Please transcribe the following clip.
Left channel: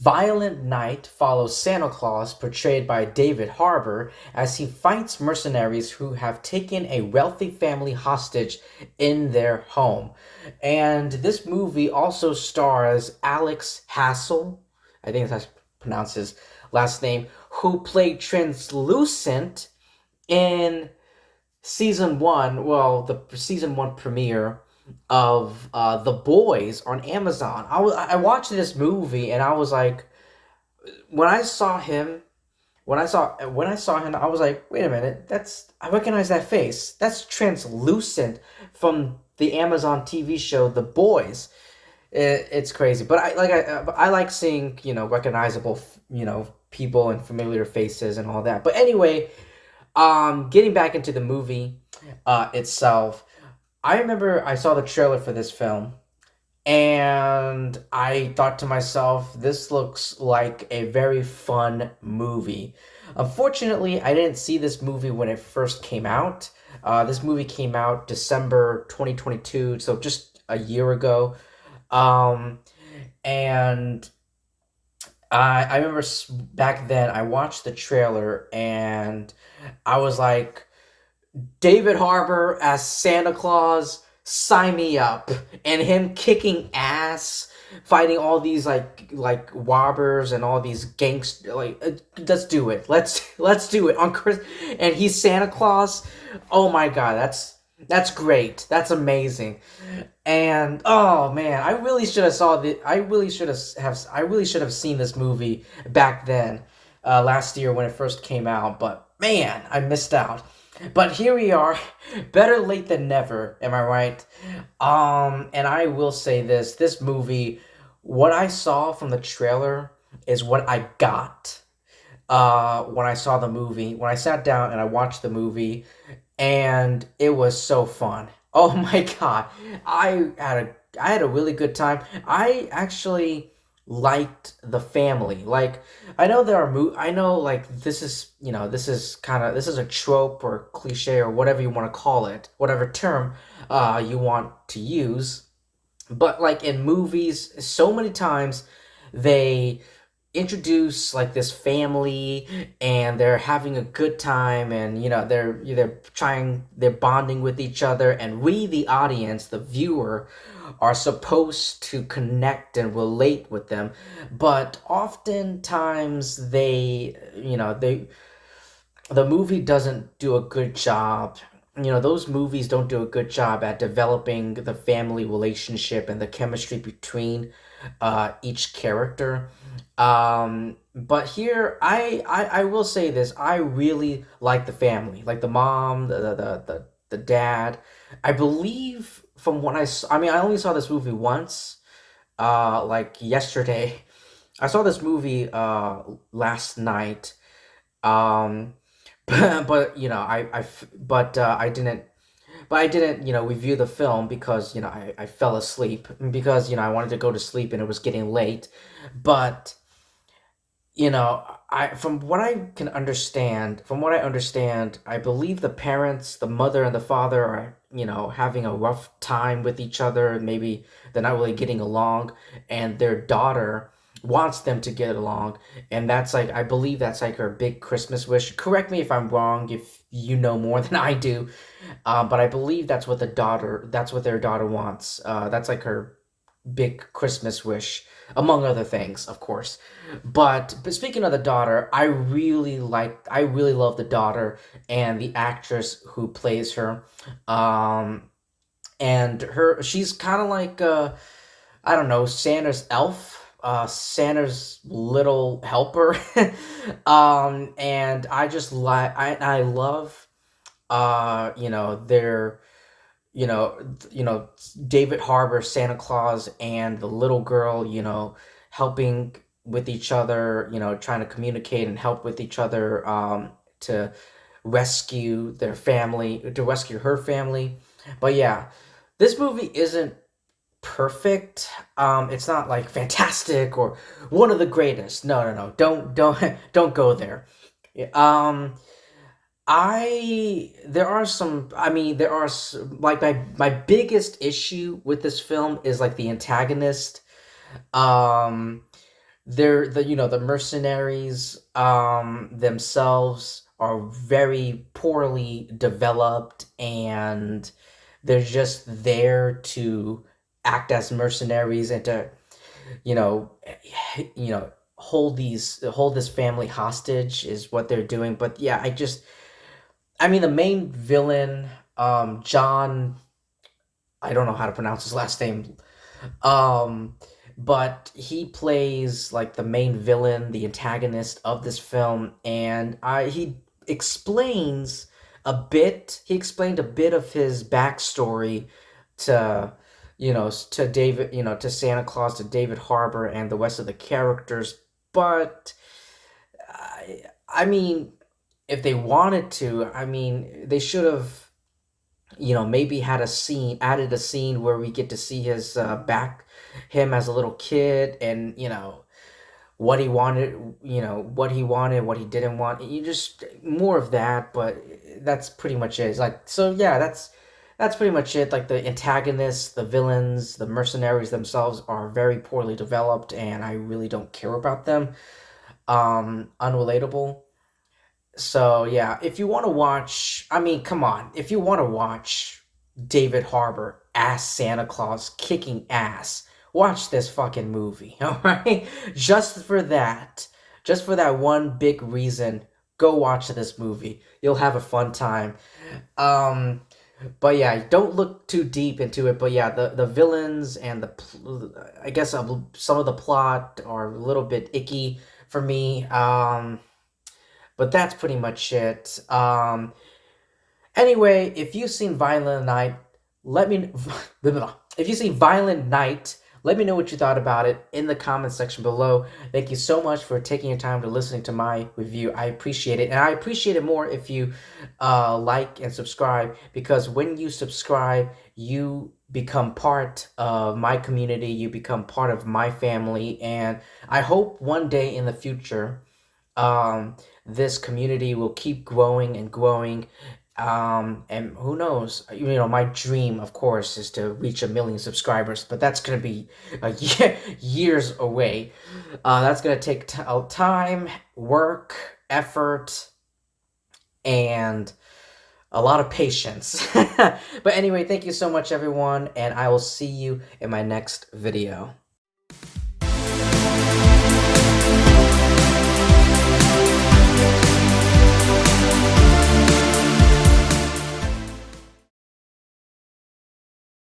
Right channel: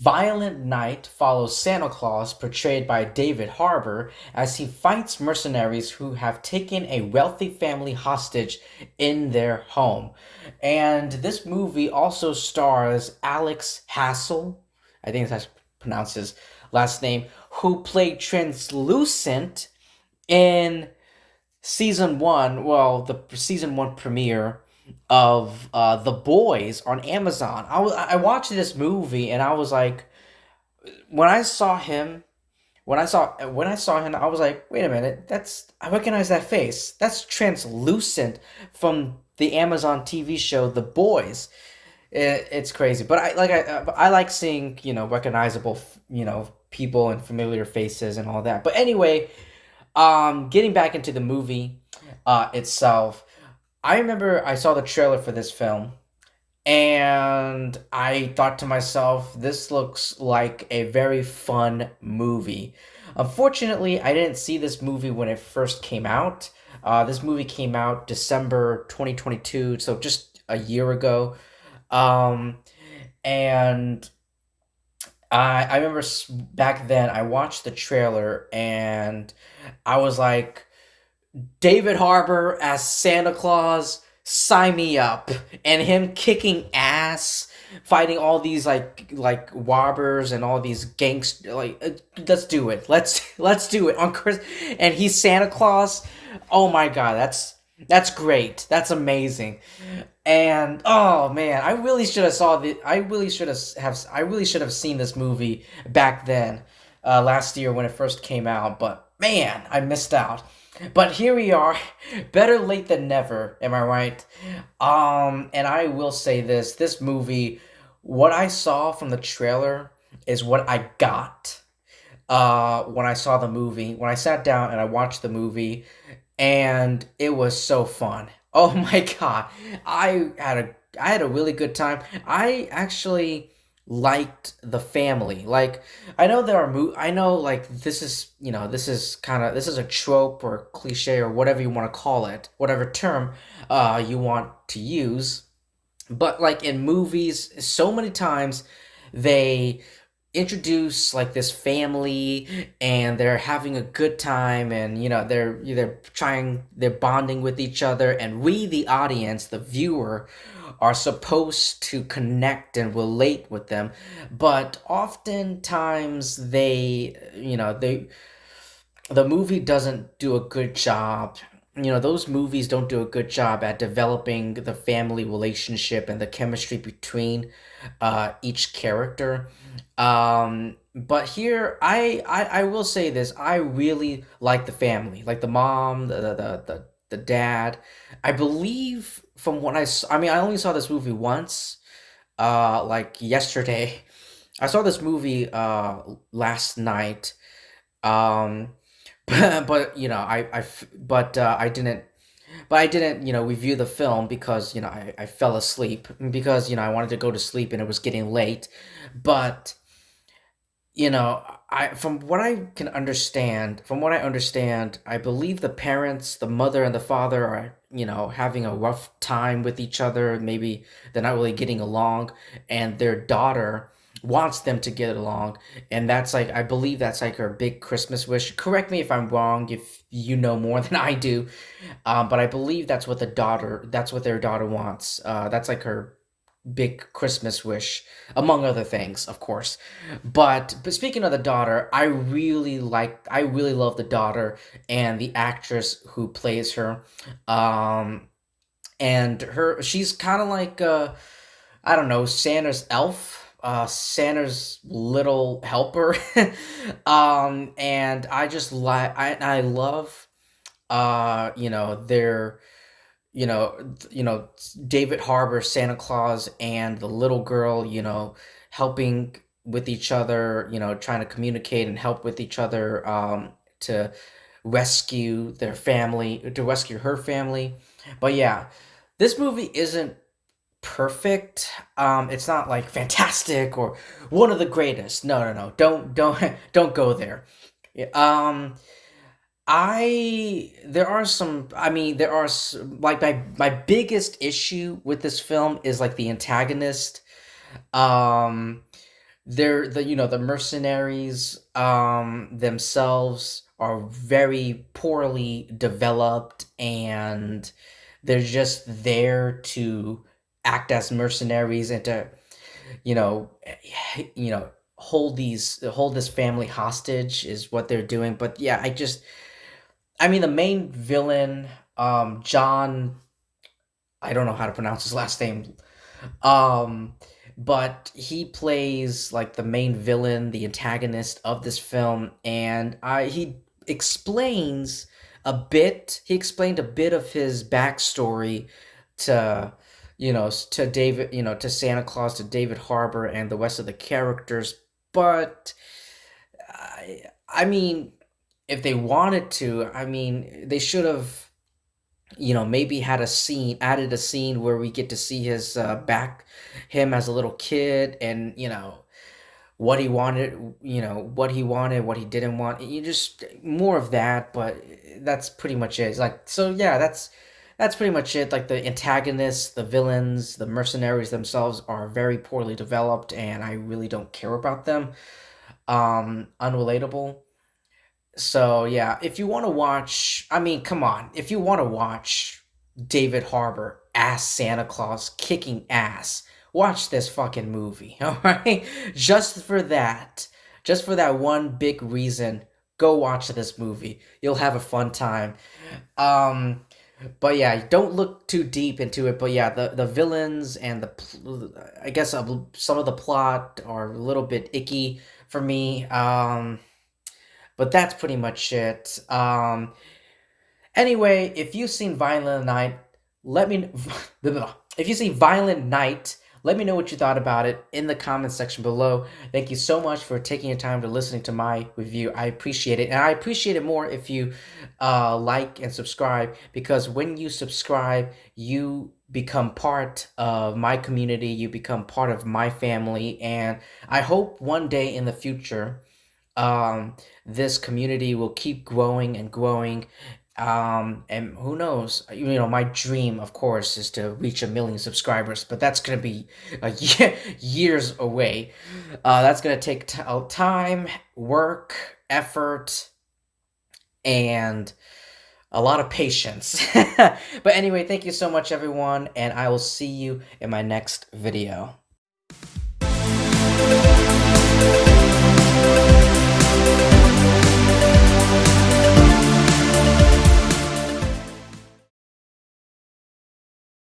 Violent Night follows Santa Claus, portrayed by David Harbour, as he fights mercenaries who have taken a wealthy family hostage in their home. And this movie also stars Alex Hassel, I think that's pronounced his last name, who played Translucent in season one, well, the season one premiere of The Boys on Amazon. I watched this movie and I was like, when I saw him, when I saw him, I was like, wait a minute, that's I recognize that face. That's Translucent from the Amazon TV show The Boys. It's crazy, but I like seeing recognizable people and familiar faces and all that. But anyway, getting back into the movie itself, I remember I saw the trailer for this film and I thought to myself, this looks like a very fun movie. Unfortunately, I didn't see this movie when it first came out. This movie came out December 2022, so just a year ago. Um, and I remember back then I watched the trailer and I was like, David Harbour as Santa Claus, sign me up. And him kicking ass, fighting all these like robbers and all these gangs. Like, let's do it. Let's do it on Chris. And he's Santa Claus. Oh my God, that's great. That's amazing. And oh man, I really should have saw the. I really should have seen this movie back then, last year when it first came out. But man, I missed out. But here we are, better late than never. Am I right? And I will say this: this movie, what I saw from the trailer is what I got. When I saw the movie, when I sat down and I watched the movie, and it was so fun. Oh my God. I had a really good time. I actually liked the family. Like I know like this is, this is a trope or cliche or whatever you want to call it, whatever term you want to use. But like in movies, so many times they introduce like this family and they're having a good time, and they're bonding with each other, and we, the audience, the viewer, are supposed to connect and relate with them. But oftentimes the movie doesn't do a good job. Those movies don't do a good job at developing the family relationship and the chemistry between each character. But here, I will say this: I really like the family, like the mom, the dad. I believe from what I mean, I only saw this movie once, like yesterday. I saw this movie last night. Um, but I didn't, review the film because, I fell asleep because, I wanted to go to sleep and it was getting late. But, from what I understand, I believe the parents, the mother and the father are, having a rough time with each other. Maybe they're not really getting along, and their daughter wants them to get along, and that's like, I believe that's like her big Christmas wish. Correct me if I'm wrong, if you know more than I do, but I believe that's what their daughter wants. That's like her big Christmas wish, among other things, of course. But speaking of the daughter, I really love the daughter and the actress who plays her. Um, and she's kind of like I don't know, Santa's elf, Santa's little helper. And I love their you know, David Harbour, Santa Claus, and the little girl, helping with each other, trying to communicate and help with each other, to to rescue her family. But yeah, this movie isn't perfect. It's not like fantastic or one of the greatest. No, no, no. Don't go there. Yeah, I there are some. I mean, like my biggest issue with this film is like the antagonist. Um, the mercenaries themselves are very poorly developed, and they're just there to act as mercenaries and to you know you know hold this family hostage is what they're doing. But yeah, I mean, the main villain, John, I don't know how to pronounce his last name. Um, but he plays like the main villain, the antagonist of this film, and he explains a bit. He explained a bit of his backstory to, to David, to Santa Claus, to David Harbour, and the rest of the characters. But I mean, if they wanted to, I mean, they should have maybe had a scene, added a scene where we get to see his him as a little kid, and what he wanted, what he didn't want. You just more of that, but that's pretty much it. It's like, so yeah, that's pretty much it. Like, the antagonists, the villains, the mercenaries themselves are very poorly developed, and I really don't care about them. Unrelatable. So yeah, if you want to watch, I mean, come on, if you want to watch David Harbour as Santa Claus kicking ass, watch this fucking movie, all right? Just for that one big reason, go watch this movie. You'll have a fun time. Um, but yeah, don't look too deep into it. But yeah, the villains and I guess some of the plot are a little bit icky for me. But that's pretty much it. Anyway, if you've seen Violent Night, let me if you've seen Violent Night, let me know what you thought about it in the comment section below. Thank you so much for taking your time to listening to my review. I appreciate it, and I appreciate it more if you like and subscribe, because when you subscribe, you become part of my community. You become part of my family, and I hope one day in the future this community will keep growing and growing. And who knows? My dream, of course, is to reach 1 million subscribers, but that's gonna be years away. That's gonna take time, work, effort, and a lot of patience. But anyway, thank you so much, everyone, and I will see you in my next video.